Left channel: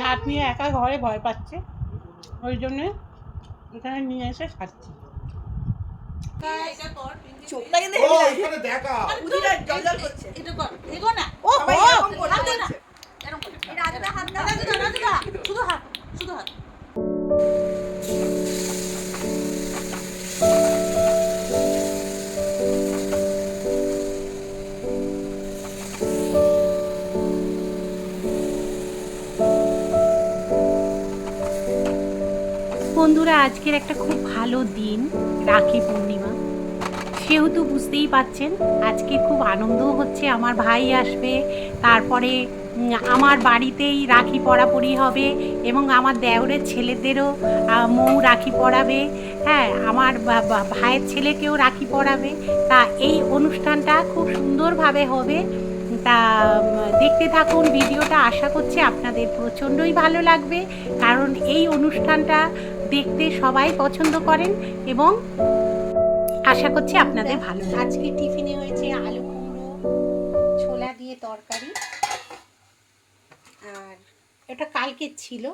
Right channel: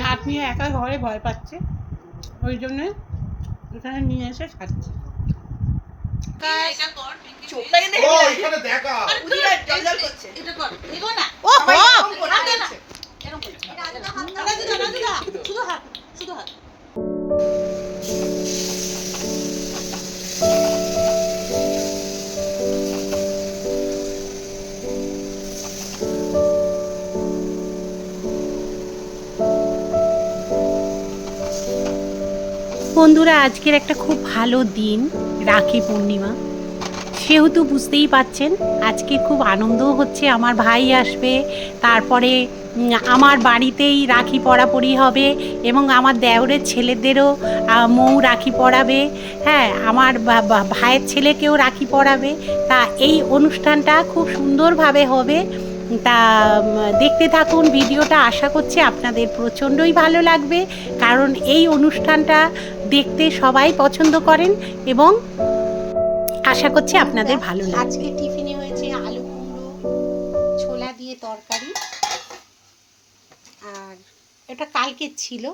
নাতনি একা ঘরে ভয় পাচ্ছে। ওই জন্যে এখানে নিয়ে এসে খাচ্ছি। শুধু হাত শুধু এখানে বন্ধুরা, আজকের একটা খুব ভালো দিন, রাখি পূর্ণিমা। সেহেতু বুঝতেই পাচ্ছেন, আজকে খুব আনন্দও হচ্ছে, আমার ভাই আসবে, তারপরে আমার বাড়িতেই রাখি পরাপরি হবে, এবং আমার দেওরের ছেলেদেরও মৌ রাখি পরাবে হ্যাঁ আমার ভাইয়ের ছেলেকেও রাখি পরাবে। তা এই অনুষ্ঠানটা খুব সুন্দরভাবে হবে। তা দেখতে থাকুন, ভিডিওটা আশা করছি আপনাদের প্রচণ্ডই ভালো লাগবে, কারণ এই অনুষ্ঠানটা দেখতে সবাই পছন্দ করেন এবং আশা করছি আপনাদের ভালো আজকে টিফিনে হয়েছে আলু কুমড়ো ছোলা দিয়ে তরকারি। আর এটা কালকের ছিল।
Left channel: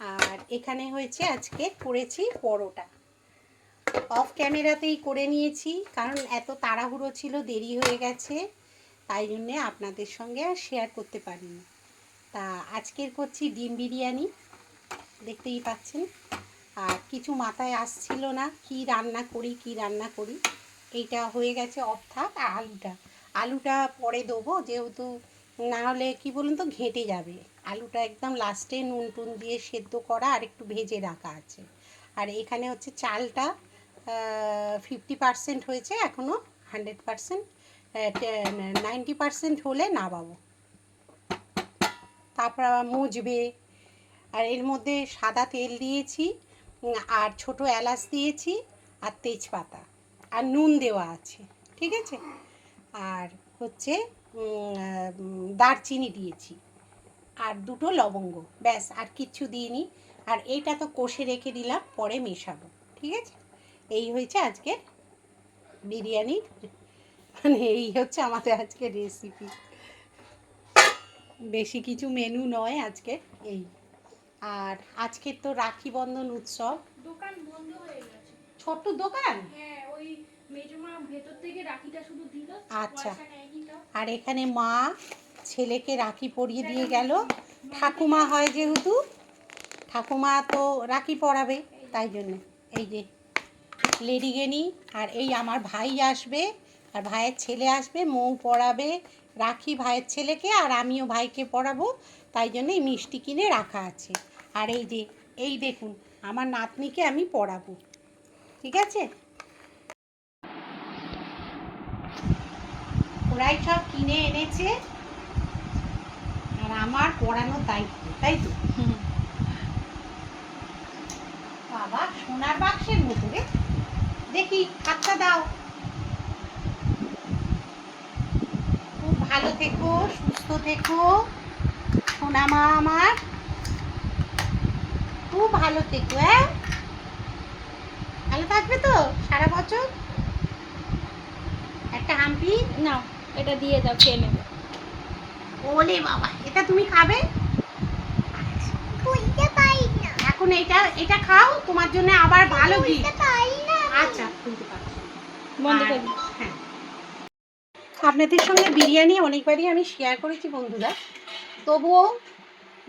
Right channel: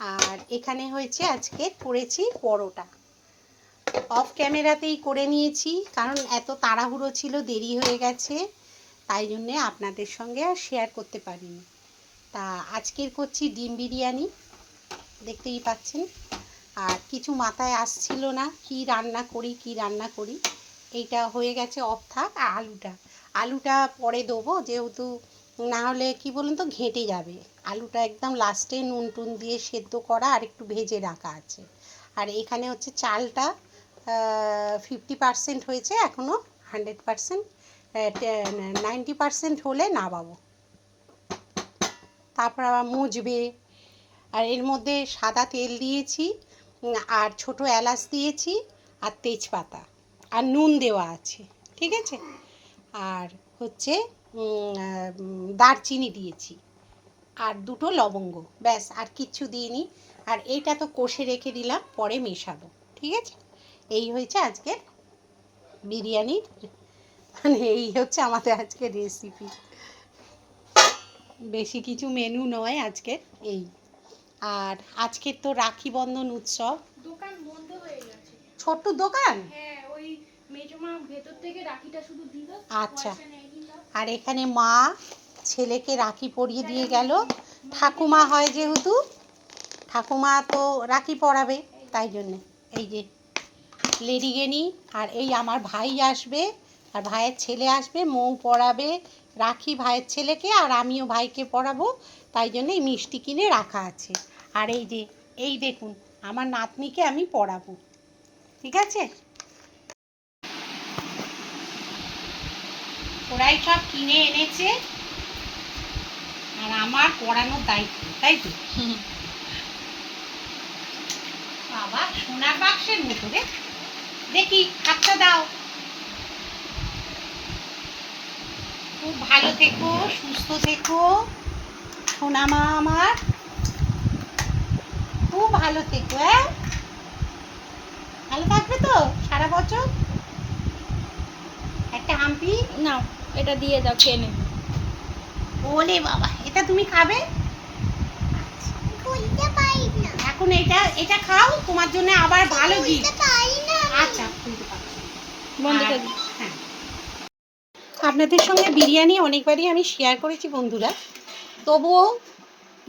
আর এখানে হয়েছে আজকে করেছি পরোটা। অফ ক্যামেরাতেই করে নিয়েছি কারণ এত তাড়াহুড়ো ছিল দেরি হয়ে গেছে। তাই জন্যে আপনাদের সঙ্গে আর শেয়ার করতে পারিনি। তা আজকের করছি ডিম বিরিয়ানি। দেখতেই পাচ্ছেন। আর কিছু মাথায় আসছিল না, কি রান্না করি, কি রান্না করি। এইটা হয়ে গেছে অফ থাক আলুটা। আলুটা পরে দেবো, যেহেতু না হলে কি বলুন তো, ঘেঁটে যাবে। আলুটা একদম লাস্টে নুন টুন দিয়ে সেদ্ধ করা, আর একটু ভেজে রাখা আছে। আর এখানে হচ্ছে চালটা ফিফটি পার্সেন্ট হয়েছে এখনও হান্ড্রেড পার্সেন্ট নাইনটি পার্সেন্ট হলে নামাবো। তারপর আবার মুজবে আর এর মধ্যে সাদা তেল দিয়েছি আর ছোট এলাচ দিয়েছি, আর তেজপাতা, আর নুন দেওয়া আছে, ঠিক আছে? আর হচ্ছে দারচিনি দিয়েছি, আর দুটো লবঙ্গ, ব্যাস, আর কিচ্ছু দিইনি। আর এইটা তো কষে রেখে দিলাম, পরে মেশাবো, ঠিক আছে? এই হয়েছে আজকের বিরিয়ানির মানে এই হচ্ছে আমাদের আজকের রেসিপি বেশি কিছু মেনু নয় আজকের এই। আর আজকের তো রাখি বন্ধন উৎসব। দোকান বন্ধ হয়ে গেছে। ছোট্ট দোকান? হ্যাঁ ওই মেজমা ভেতর থেকে রাখিটা শুধু দিল আচ্ছা। আর এখানে মা ছেলেকে রাখি পরিয়ে দিয়ে গেল। ঠাকুমা হয় যেহেতু ঠাকুমা তো রাখি পরাবে তাই জন্য। এই যে লেডিগেনি আর এই আমার ভাই আসবে আর ভাইয়ের ছেলে আসবে মৌ পড়াবে রাখি ভাইয়ের ছেলেকে আর আমিও ভাইকে পরাবো। তাই জন্য মিষ্টি কিনে রাখা আছে। আর এই যে, এই দেখুন, আমার নাতনিকে আমি পরাবো ঠিক আছে? ওরাই সব কিনে এনেছে। আর আমার পড়ানোর দায়িত্ব, তাই তো? বাবা, সোনার বাক্সের মতো রে। দেখি, হাতটা দাও। খুব ভালো থেকো, সুস্থ থেকো। সোনা মা আমার। খুব ভালো থেকো হ্যাঁ? ভালো থাকবে তো সারা বছর? একটা হাম্পি? নাও এটা দিয়ে দাও খেয়ে নেবে। ওলে বাবা এটা তুমি খাবে? এখন এটা এটা খাও তোমার জন্য আবার ভালো গিফট আচ্ছা খুলতে পারছি। বন্ধ করে হ্যাঁ। আপনাদের সঙ্গে বিরিয়ানি অনেকবারই আমি শেয়ার করেছি বন্ধুরা। তবুও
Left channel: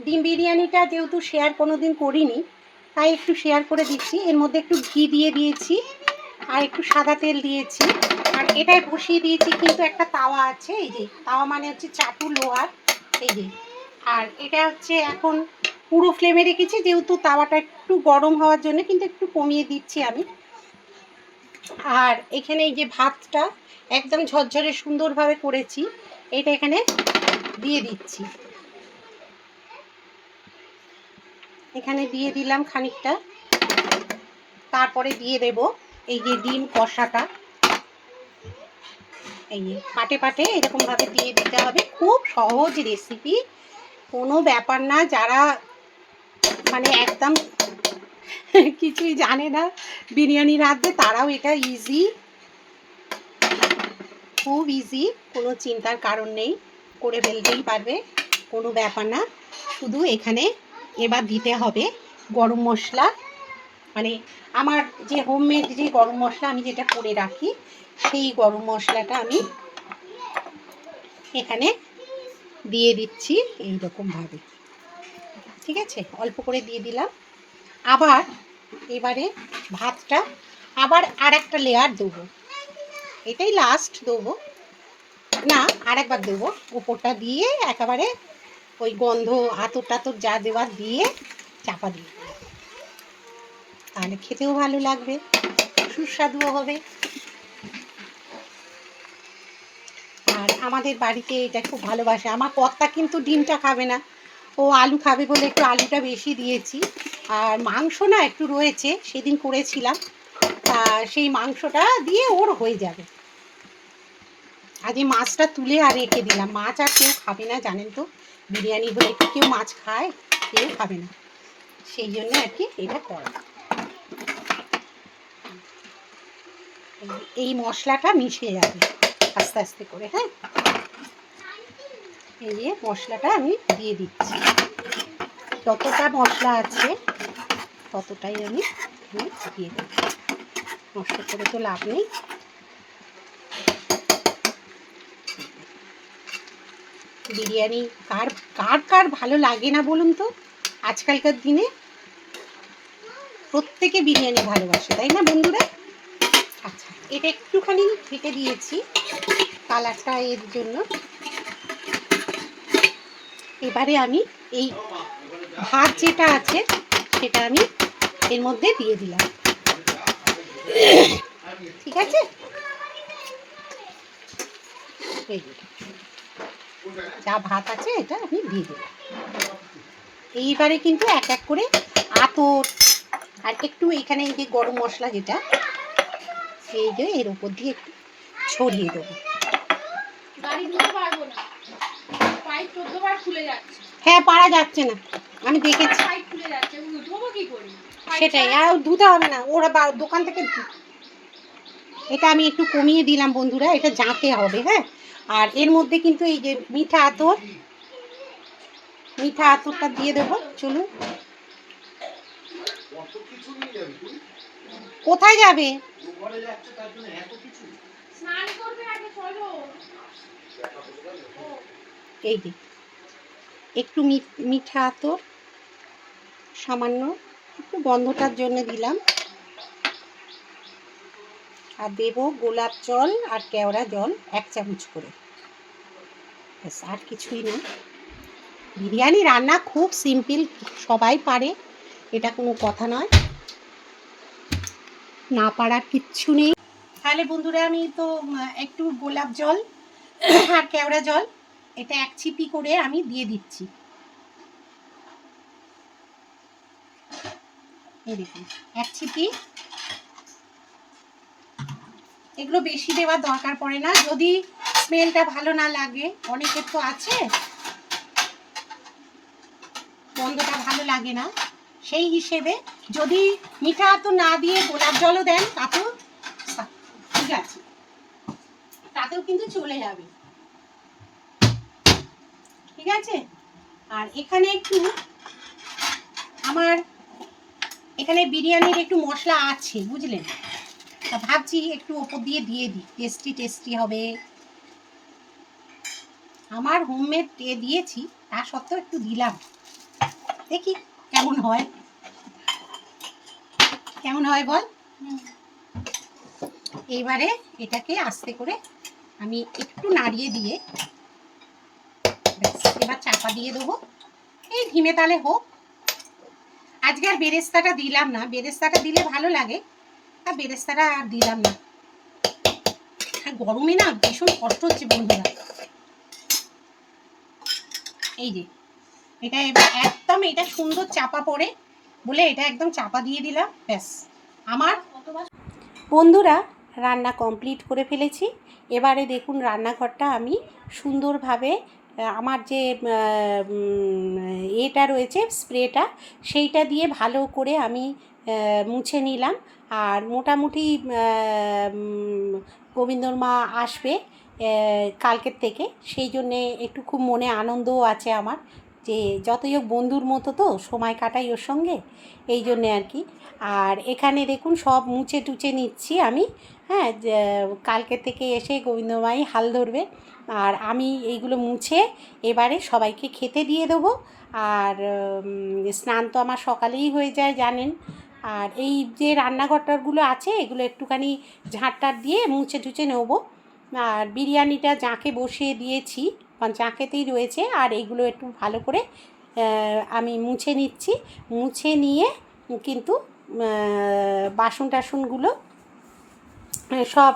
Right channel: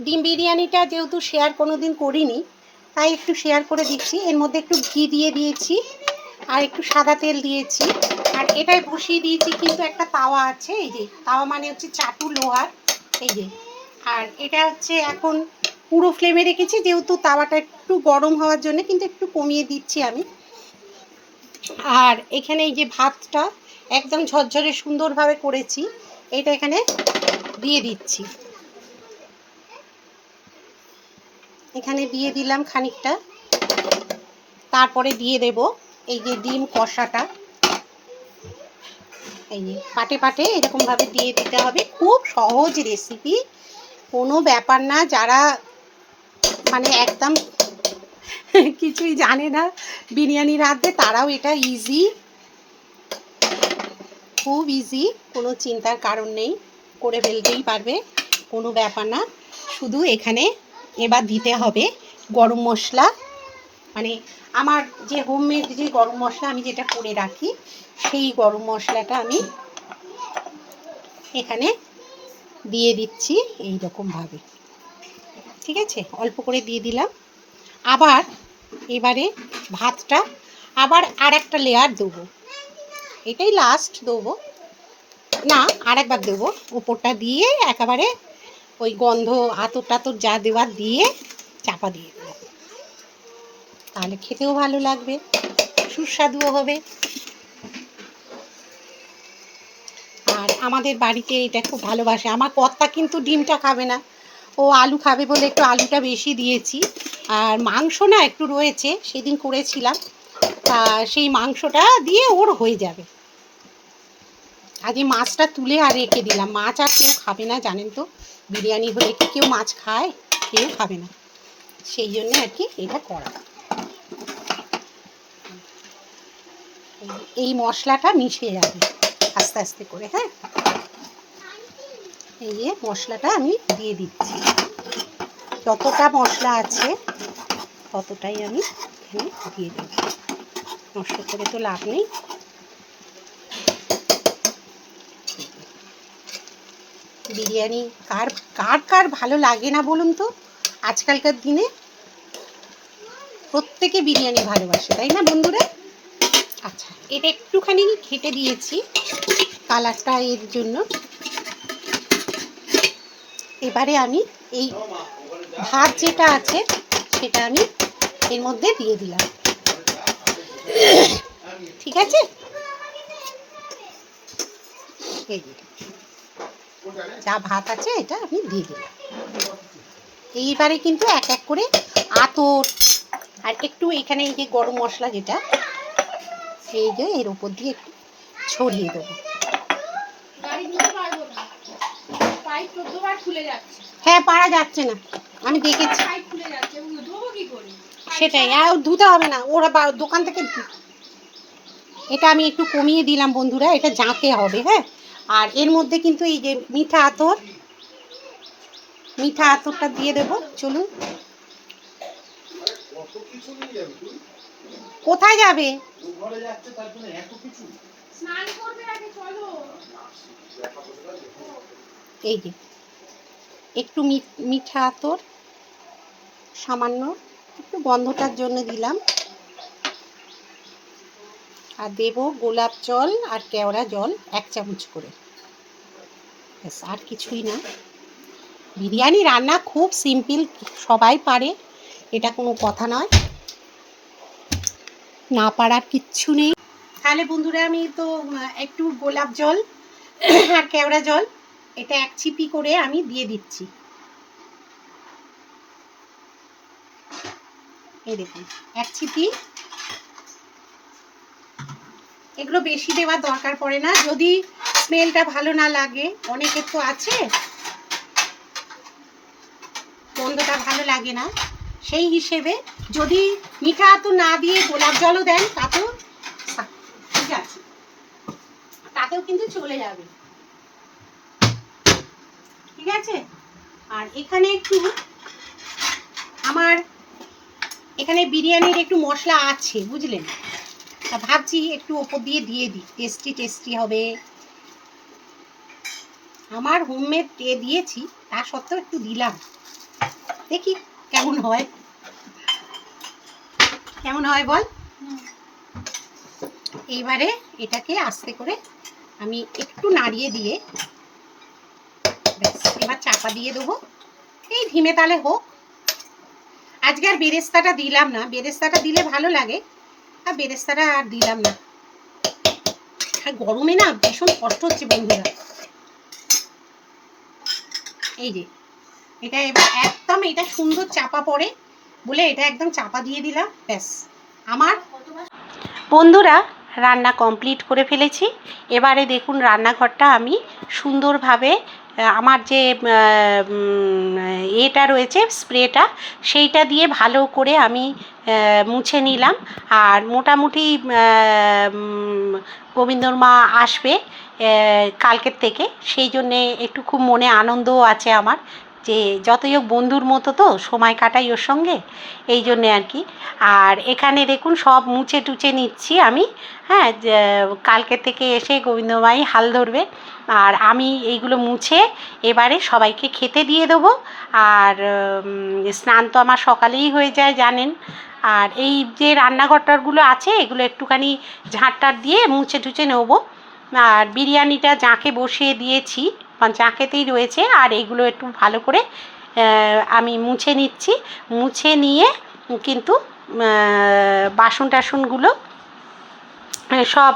ডিম বিরিয়ানিটা যেহেতু শেয়ার কোনো দিন করিনি, তাই একটু শেয়ার করে দিচ্ছি। এর মধ্যে একটু ঘি দিয়ে দিয়েছি, আর একটু সাদা তেল দিয়েছি। আর এটাই বসিয়ে দিয়েছি কিন্তু একটা তাওয়া আছে, এই যে, তাওয়া মানে হচ্ছে চাটু লোহার, এই যে। আর এটা হচ্ছে এখন পুরো ফ্লেমে রেখেছি, যেহেতু তাওয়াটা একটু গরম হওয়ার জন্য, কিন্তু একটু কমিয়ে দিচ্ছি আমি। আর এখানে এই যে ভাতটা একদম ঝরঝরে সুন্দরভাবে করেছি, এটা এখানে দিয়ে দিচ্ছি। এখানে দিয়ে দিলাম খানিকটা। তারপরে দিয়ে দেব এই যে ডিম কষাটা। এই যে পাটে পাটে এরকমভাবে দিয়ে দিতে হবে। খুব সহজ রেসিপি কোনো ব্যাপার না, যারা মানে একদম কিছুই জানে না বিরিয়ানি রাঁধতে তারাও এটা ইজি খুব ইজি কোনো চিন্তার কারণ নেই। করে ফেলতেই পারবে, কোনো ব্যাপার না। শুধু এখানে এবার দিতে হবে গরম মশলা। মানে আমার যে হোমমেড যে গরম মশলা আমি যেটা করে রাখি, সেই গরম মশলাটা আমি এখানে দিয়ে দিচ্ছি এই রকমভাবে ঠিক আছে? অল্প করে দিয়ে দিলাম। আবার এবারে ভাতটা আবার আর একটা লেয়ার দেবো। এটাই লাস্ট দেবো। না আর একবার দেবো। উপরটা দিয়ে একেবারে ওই গন্ধ, আতর টাতর যা দেওয়ার দিয়ে চাপা দিয়ে তাহলে খেতেও ভালো লাগবে, সুস্বাদুও হবে। আর আমাদের বাড়িতে এটা খুব ভালোবাসে। আমার কর্তা কিন্তু ডিমটা খাবে না। ও আলু খাবে বলে একটু আলুটা বেশি দিয়েছি। আর মাংস না একটু রয়েছে, সেদিন করেছিলাম। তা সেই মাংসটা দিয়ে ওর হয়ে যাবে। আজ এই মাছটা তুলে আর রেখে দিলাম। মাছ আর কেউ খাবে না, জানেন তো? বিরিয়ানি হলে কি কেউ মাছ খায়, কেউ খাবে না। সেই জন্য আর কি এটা করা। এই- এই মশলাটা মিশে যাবে আস্তে আস্তে করে হ্যাঁ? এই যে মশলাটা আমি দিয়ে দিচ্ছি। যতটা মশলা আছে, ততটাই আমি এখানে দিয়ে দেব। নষ্ট করে তো লাভ নেই। বিরিয়ানি, কার কার কার ভালো লাগে না বলুন তো? আজকালকার দিনে প্রত্যেকে বিরিয়ানি ভালোবাসে, তাই না বন্ধুরা? আচ্ছা এটা একটুখানি ঘেটে দিয়েছি কালারটা এর জন্য। এবারে আমি এই ভাত যেটা আছে সেটা আমি এর মধ্যে দিয়ে দিলাম। ঠিক আছে? এই যে। ভাত আছে এটা আমি দিয়ে দিলাম। এইবারে কিন্তু এক এক করে আতর আর একটু এখানে এই যে গরম মশলা যেটা এই যে এর উপর দিয়ে একটু ছড়িয়ে দেবো। হ্যাঁ পারা যাচ্ছে না। আমি দেখেছি। সেটাই আর ধুতে হবে না। ওরা দোকান থেকে এটা আমি একটু কমিয়ে দিলাম বন্ধুরা এটা জাঁতে হবে হ্যাঁ? আর এর মধ্যে কিন্তু এই যে মিঠা আতর, মিঠা আতরটা দিয়ে দেবো, চলুন। কোথায় যাবে? এই যে, একটু মিঠা আতর, সামান্য একটু গন্ধটার জন্য দিলাম। আর দেব গোলাপ জল আর কেওড়া জল এক চামচ করে। ব্যাস, আর কিছুই না। বিরিয়ানি রান্না খুব সিম্পল, সবাই পারে, এটা কোনো কথা নয়। না পারার কিচ্ছু নেই। তাহলে বন্ধুরা, আমি তো একটু গোলাপ জল আর কেওড়া জল, এটা এক ছিপি করে আমি দিয়ে দিচ্ছি। এই দেখুন, এক ছিপি এগুলো বেশি দেওয়ার দরকার পড়ে না। যদি স্মেলটা ভালো না লাগে অনেকের তো আছে, গন্ধটা ভালো লাগে না, সেই হিসেবে যদি মিঠা তো না দিয়ে গোলাপ জলও দেন তাতেও ঠিক আছে। তাতেও কিন্তু চলে যাবে। ঠিক আছে? আর এখানে একটু আমার, এখানে বিরিয়ানির একটু মশলা আছে, বুঝলেন? তা ভাবছি একটু ওপর দিয়ে দিয়ে দিই। টেস্টি টেস্টি হবে। আমার হোমমেড এ দিয়েছি তা সত্ত্বেও একটু দিলাম। দেখি কেমন হয়। কেমন হয় বল? এইবারে এটাকে আস্তে করে আমি একটু নাড়িয়ে দিয়ে এবার চাপা দিয়ে দেবো। এই ধিমে তালে হোক। আজকে আর বেরেস্তাটা দিলাম না। বেরেস্তাটা দিলে ভালো লাগে। আর বেরেস্তাটা আর দিলাম না। আর গরমে না ভীষণ কষ্ট হচ্ছে বন্ধুরা। এই যে, এটা একদম এটা সুন্দর চাপা পড়ে বলে এটা একদম চাপা দিয়ে দিলাম, ব্যাস। আমার বন্ধুরা রান্না কমপ্লিট করে ফেলেছি। এবারে দেখুন রান্নাঘরটা আমি সুন্দরভাবে আমার যে এটা রয়েছে, স্প্রেটা, সেইটা দিয়ে ভালো করে আমি মুছে নিলাম। আর মোটামুটি গোবিন্দর মা আসবে কালকের থেকে। সেই জন্যে একটু খুব মনে আনন্দও আছে আমার। যে যতই হোক বন্ধুর মতো তো সময় কাটাই ওর সঙ্গে, এই জন্যে আর কি। আর এখানে দেখুন সব মুছে টুচে নিচ্ছি আমি। হ্যাঁ কালকে থেকে এসে গোবিন্দমাই হাল ধরবে। আর আমি এইগুলো মুছে এবারে সবাইকে খেতে দিয়ে দেবো। আর স্নান তো আমার সকালেই হয়ে যায়, জানেন। আর এই যে রান্নাঘরটারগুলো আছে, এগুলো একটুখানি ঝাঁটটার দিয়ে মুছে টুছে নেব। আর বিরিয়ানিটা জাঁকে বসিয়ে দিয়েছি। বা জাঁকেতেই রয়েছে, আর এইগুলো একটু ভালো করে আমি মুছে নিচ্ছি। মুছে নিয়ে কিন্তু বাসন টাসনগুলো সব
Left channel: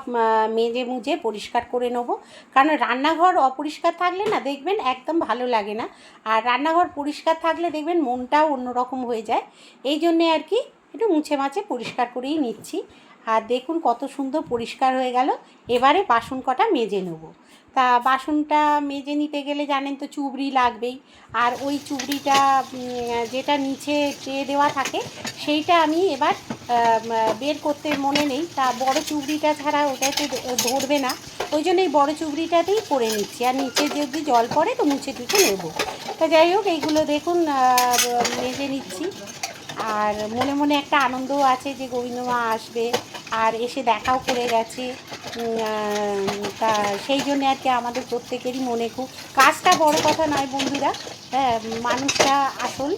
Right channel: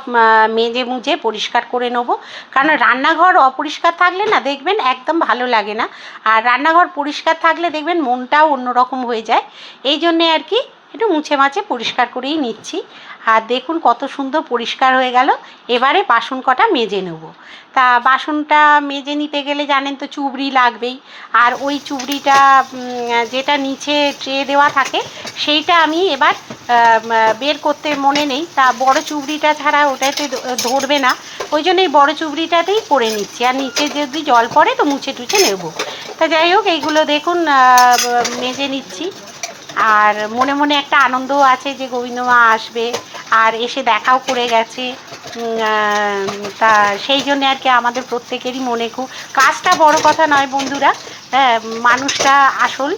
মেজে মুজে পরিষ্কার করে নেব। কারণ রান্নাঘর অপরিষ্কার থাকলে না দেখবেন একদম ভালো লাগে না। আর রান্নাঘর পরিষ্কার থাকলে দেখবেন মনটাও অন্যরকম হয়ে যায়। এই জন্যে আর কি একটু মুছে মাছে পরিষ্কার করেই নিচ্ছি। আর দেখুন কত সুন্দর পরিষ্কার হয়ে গেল। এবারে বাসন কটা মেজে নেব। তা বাসনটা মেজে নিতে গেলে জানেন তো চুবড়ি লাগবেই। আর ওই চুবড়িটা যেটা নিচে ট্রে দেওয়া থাকে, সেইটা আমি এবার বের করতে মনে নেই। তা বড় চুবড়িটা ছাড়া ওটাতে ধরবে না। ওই জন্য এই বড়ো চুবড়িটাতেই করে নিচ্ছি। আর নিচে যদি জল পড়ে তো মুছে টুছে নেব। তা যাই হোক, এইগুলো দেখুন মেজে নিচ্ছি। আর মনে মনে একটা আনন্দও আছে যে গোবিন্দ মা আসবে। আর এসে দেখাও করে গেছে। তা সেই জন্য আর কি আমাদের প্রত্যেকেরই মনে খুব কাজটা বড় কথা নয় বন্ধুরা। হ্যাঁ মানুষটা আসল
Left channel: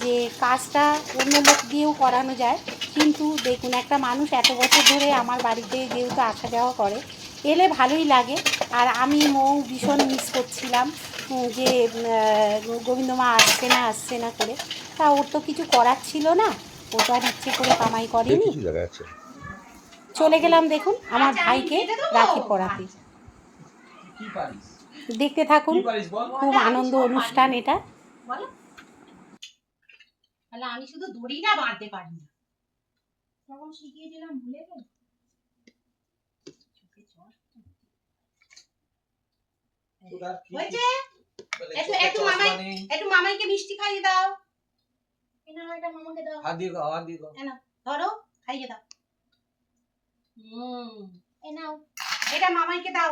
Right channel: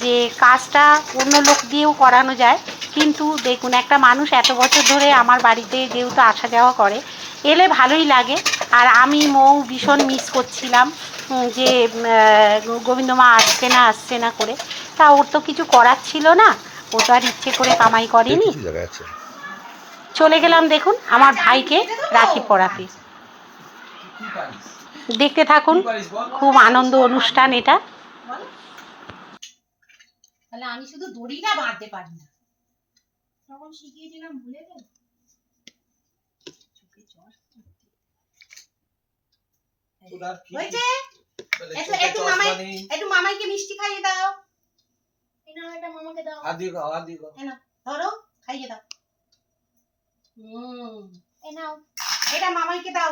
যে কাজটা অন্য লোক দিয়েও করানো যায়। কিন্তু দেখুন একটা মানুষ এত বছর ধরে আমার বাড়িতে যেহেতু আসা যাওয়া করে এলে ভালোই লাগে। আর আমি মৌ ভীষণ মিস করছিলাম যে উম, আহ, গোবিন্দ মা আসছে না আসছে না করে। তা ওর তো কিছু করার ছিল না। ও তো আর ইচ্ছে করে কামাই করেনি। চলে গেলাম দেখুন আমার ভাইকে রাখি পড়াতে দেখতে থাকুন খুব আনন্দ অনুষ্ঠান এটা। তাহলে আমি শুধু দড়ি না বাঁধতে পারি না। তখন শিখিয়েছিলাম ভুলে গেল? একটু একটু মামাই একটু মামাইকে মিষ্টি খাইয়ে দাও। এটা মামাকে দাও। ধরো খাইয়ে দাও। হুম। এই নাও। এটা মামাইকে দাও।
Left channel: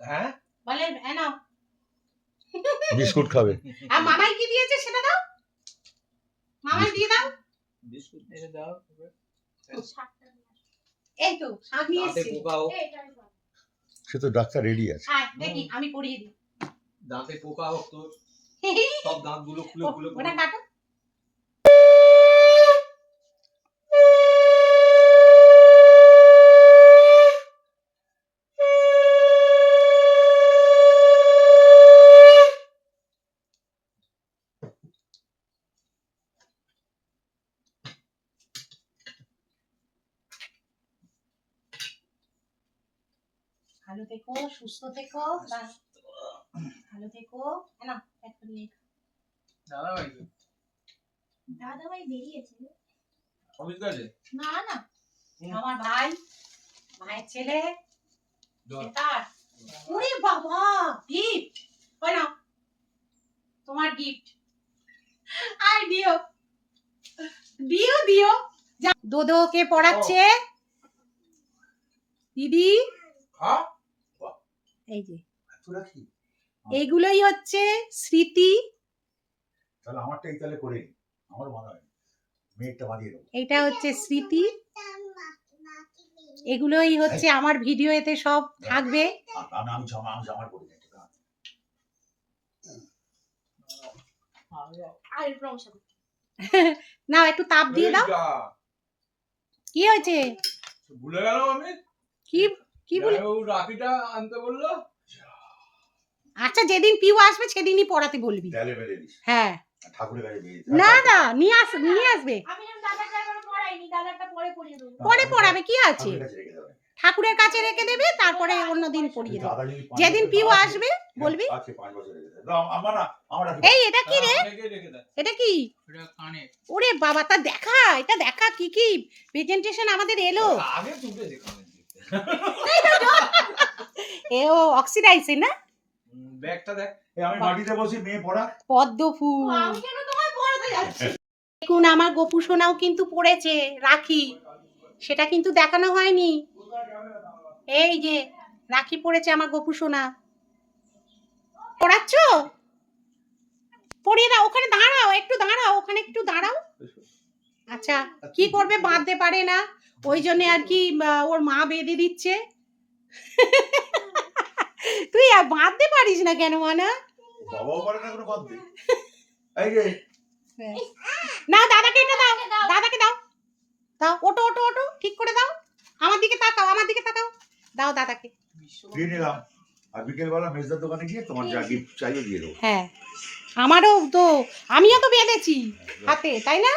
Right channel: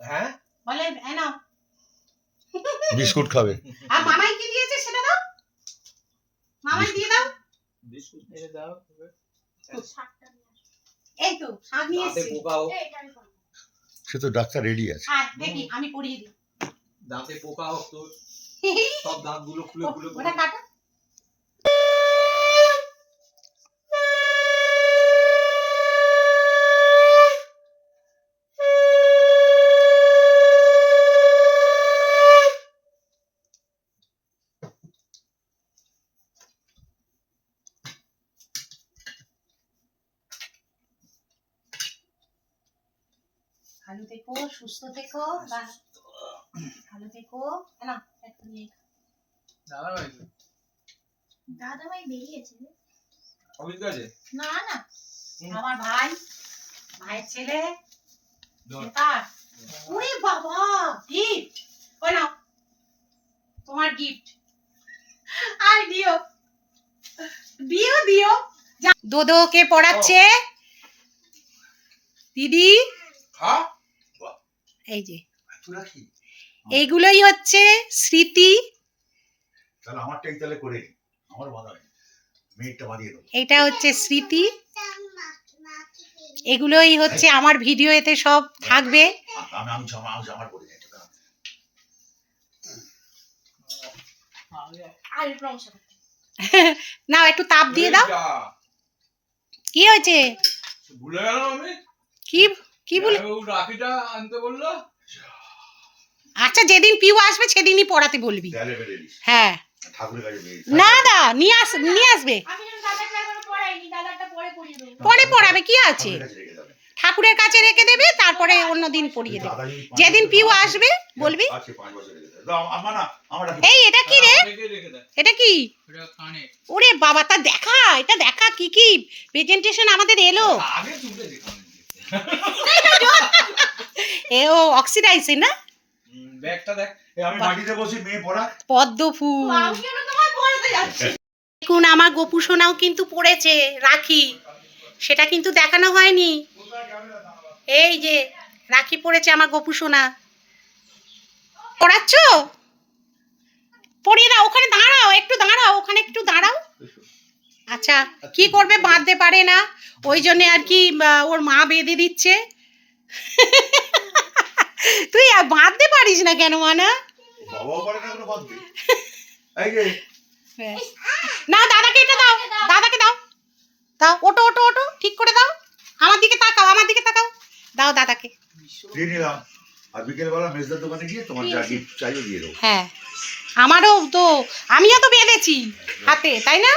হ্যাঁ? বলেন এ নাও। বিস্কুট খাবে। আর মামাই দিয়েছে সেটা দাও? মামাই দিয়ে দাও। শাকটা নিয়ে আসো। এই তো শাক নিয়ে এসেছি। সে তো ডাক্তার রেডি আছে। দেখি আমি পড়িয়ে দিই। দাঁতে পোকা হোক তোর সব দাঁতগুলো খুলে খুলে ওটা কাটো ভালো থেকো সুস্থ থেকো বা- ভালো থেকো। না একটা নিয়ে দাদা ভাই দাদা ভাই বেরিয়েছে। অফিস না না। আমার ভাই ভাইয়ের ছেলে। কার ওরে বাবা গিফট ওই নাও তোমার গিফট আর দিও। দিও দিও। দোদোকে পড়াচ্ছে? দিদি? খা এই যে। এইগুলোই হচ্ছে স্মৃতি। তাহলে আমারটাই তাহলে করে আমার বাধা নেই মেয়েরটা বাঁধিয়ে দেবো। এটা হচ্ছে স্মৃতি। এগুলোই হচ্ছে আমার ভিডিও এতে সব থাকবে। আমি আমি জামা আমি জামার করে যাই তোরা একটু নাও একটু তাপ দিয়ে দাও। কি হয়েছে? ভুলে গেল আমি। কি কি বলে? রাখিটা আনতে বলল। আচ্ছা যেদিন পিউ আসবে সেদিনই পড়াতে বলবি। হ্যাঁ। ঠাকুরের কাছে না না নিয়ে আস নিয়ে আসবে। পরে পড়াবে কি আছে? ঠাকুরের কাছে রেখে দেবে। তারপরে অন্য দিন পড়িয়ে দেবে। যেদিন পিউ আসবে বলবি। আছে পাঁচ বছর রেখে দেবে। দাও, আমার না আমার রাখি এই এটা কি রে? রেখে রেখে দেয় এটা কি? ওরে বাবা তা দেখা এটা দেখা কি কি? প্রেজেন্টেশন আমাদের এলো। আগে তুলে দেখাবেন এ ও অক্সিডাইজে না? ব্যাগটা দেখ। আমি মাটিতে বসি মেয়ে পড়া। পদ্ম ফুল। আমি কেন তোমার পড়াতে যাচ্ছি? দেখুন আমার গোপু সোনাও কিন্তু পড়েছে রাখি। সেটা কিন্তু দেখানো হয়নি। এই যে রাখি পড়েছে আমার গোপু সোনা পড়াচ্ছ? পরিয়ে দাও ওখানে দাঁড়াও একটু দাঁড়াও ওখানে একটু দাঁড়াও। আচ্ছা কি করবে বাঁধতে পারে না? ওই জন্য আর কি ওর মা বেঁধে দিচ্ছে। তুই আর বাঁধতে পারিস না কেন মানা? বাবাও পারে না বাঁধবে। এই যে। না দাদাকে এটা দাও দাদাকে দাও। দাও ওটো ওটো ওটো ঠিক করে দাও। আমার দিকে তাকাও আমার দিকে তাকাও। দাও দাদাকে। দিয়ে নিলাম। আর বিকেলবেলা মেজদার দোকানে গিয়ে তোমার যা গিফট চাইবে দিয়ে দেবো। হ্যাঁ। আমারও তো আমিও তো বেঁধেছি হাতে তাই না?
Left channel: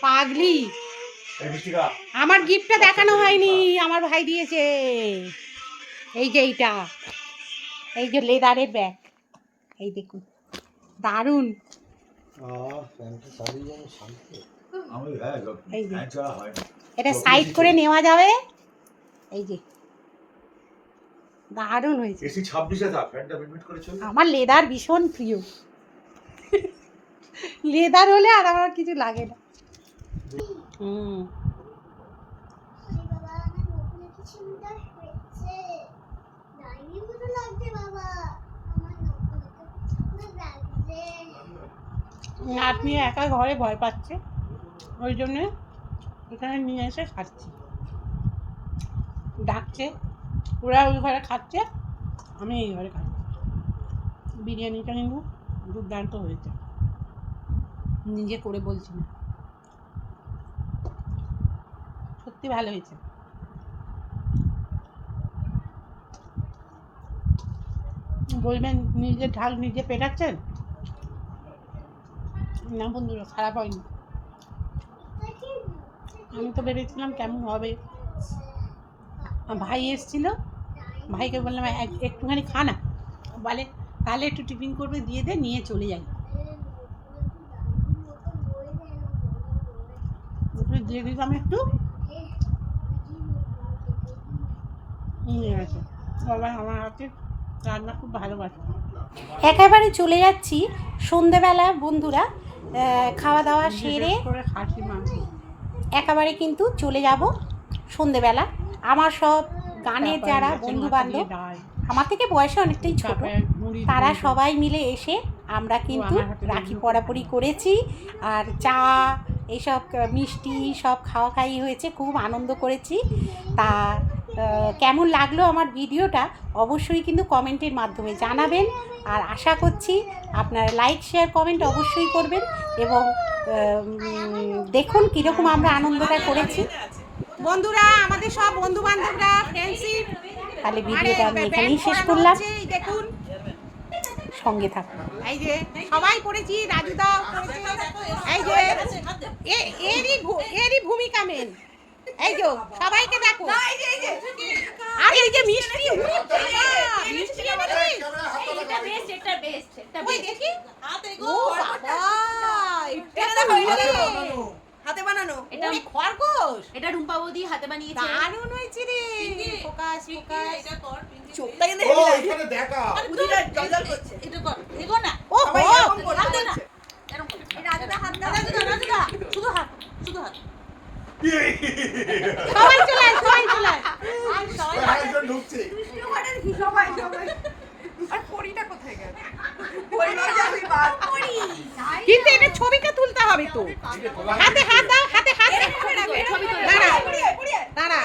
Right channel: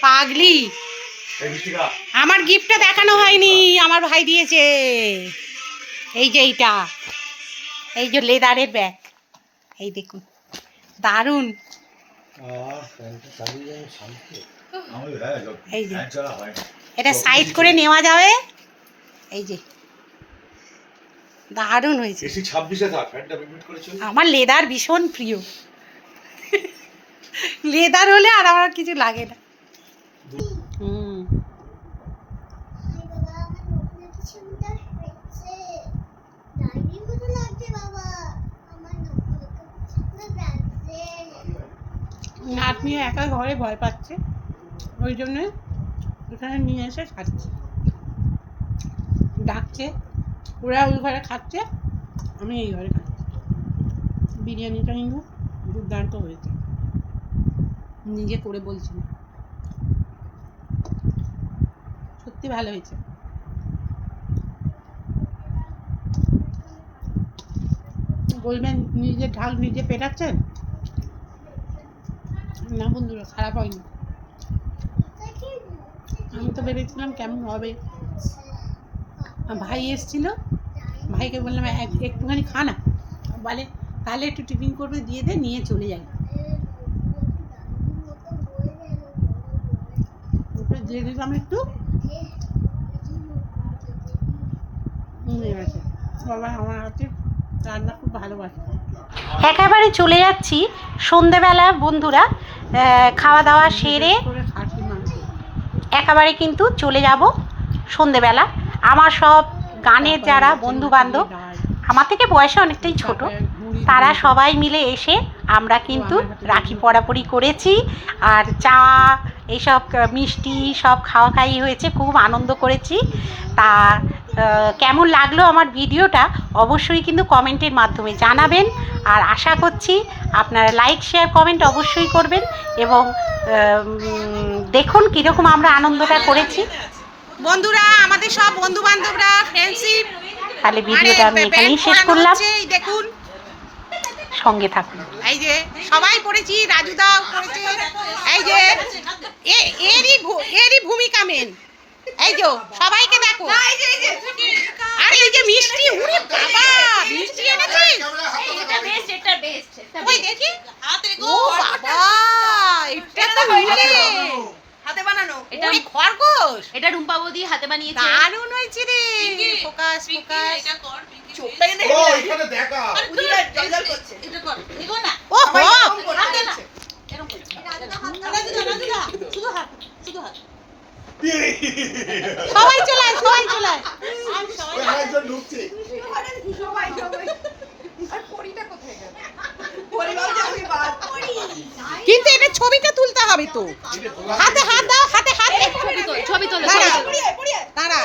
পাগলি। আমার গিফটটা দেখানো হয়নি আমার ভাই দিয়েছে। এই যে এইটা এই যে লেদারের ব্যাগ এই দেখুন দারুণ। এই যে। এটা সাইড করে নেওয়া যাবে? এই যে দারুণ হয়েছে। আমার লেদার ভীষণ প্রিয়। লেদার হলে আর আমার কিছু লাগে না। নাতনি একা ঘরে ভয় পাচ্ছে। ওই জন্য এখানে নিয়ে এসে খাচ্ছে। ডাকছে, ওরা ওই ঘরে খাচ্ছে, আমি এই ঘরে খাচ্ছি। বিরিয়ানিটা কিন্তু দুর্দান্ত হয়েছে। নিজে করে বলছি না। সত্যি ভালো হয়েছে। বলবেন, নিজে ঢাল নিজে পেটাচ্ছেন? না, বন্ধুরা, খারাপ হয়নি আমি তো ভেবেছিলাম কেমন হবে। ভাই এসেছিল, ভাইকে বললাম, "এক- একটুখানি খা না। বলে, তাহলে একটু টিফিন করবে, দিয়ে দে, নিয়ে চলে যাই। দিয়ে দিলাম একটু। নিয়ে গেছে আমার হাতে রান্না খুব ভালোবাসে। একেবারে চলে যাচ্ছি সন্ধেবেলা, বন্ধুরা। খাওয়া দাওয়া সেরে একেবারে কিন্তু চলে যাব সন্ধেবেলা। আমার সব গানের যারা বন্ধু বান্ধব আমার থেকে বয়সে অনেকটাই ছোট, তারা সবাই মিলে এসে আমরা কিন্তু রাখি পড়াপড়ি করেছি। আর চা এইসব মিষ্টি সব খাওয়া খাই হয়েছে, খুব আনন্দ করেছি। তা কেমন লাগল আমার ভিডিওটা অবশ্যই কিন্তু কমেন্টের মাধ্যমে জানাবেন। আর আশা করছি আপনারা লাইক শেয়ার কমেন্ট অবশ্যই করবেন এবং দেখুন কীরকম আমরা আনন্দটা করেছি। বন্ধুরা আমাদের সব বন্ধু বান্ধবরা ফ্রেন্ডশিপ তাহলে ভিডিওটা আমি এখানেই শেষ করলাম। দেখুন। সঙ্গে থাকুন। এই যে সবাই পড়েছি রাজুদাও পড়েছে। এই যে এরই এরই ভূমিকা মেন এই যে সবাইকে দেখো। আর এই যে মিষ্টি উড়ে বাবা মিষ্টি এনেছিস? ওই দেখি। ও বাবা এটা তো হাতে বানানো। এটা খরগোশ? এটা রুম্পা বৌদি হাতে বানিয়েছে। দারুণ হয়েছে রে। Focus focus. চোখটা কিন্তু ও এখানে দেখা। উদিরা জল জল করছে এটা কর এগো না। ও করে হাতে না। এরকম করো রাজুদা হাত দাও। রাজুদা। রাজুদা। শুধু হাত শুধু হাত। সবাই চলে আয় সবাই চলে আয়। আয় সবাই। একজন ঢুকছে। সবাই সবাই। আর পরিটা কোথায় গেল? কিন্তু এটা ছবিটা তুলতে হবে তো। হাতে হাত দাও হাতে হাত ছবি তোল দাঁড়া। দাঁড়া।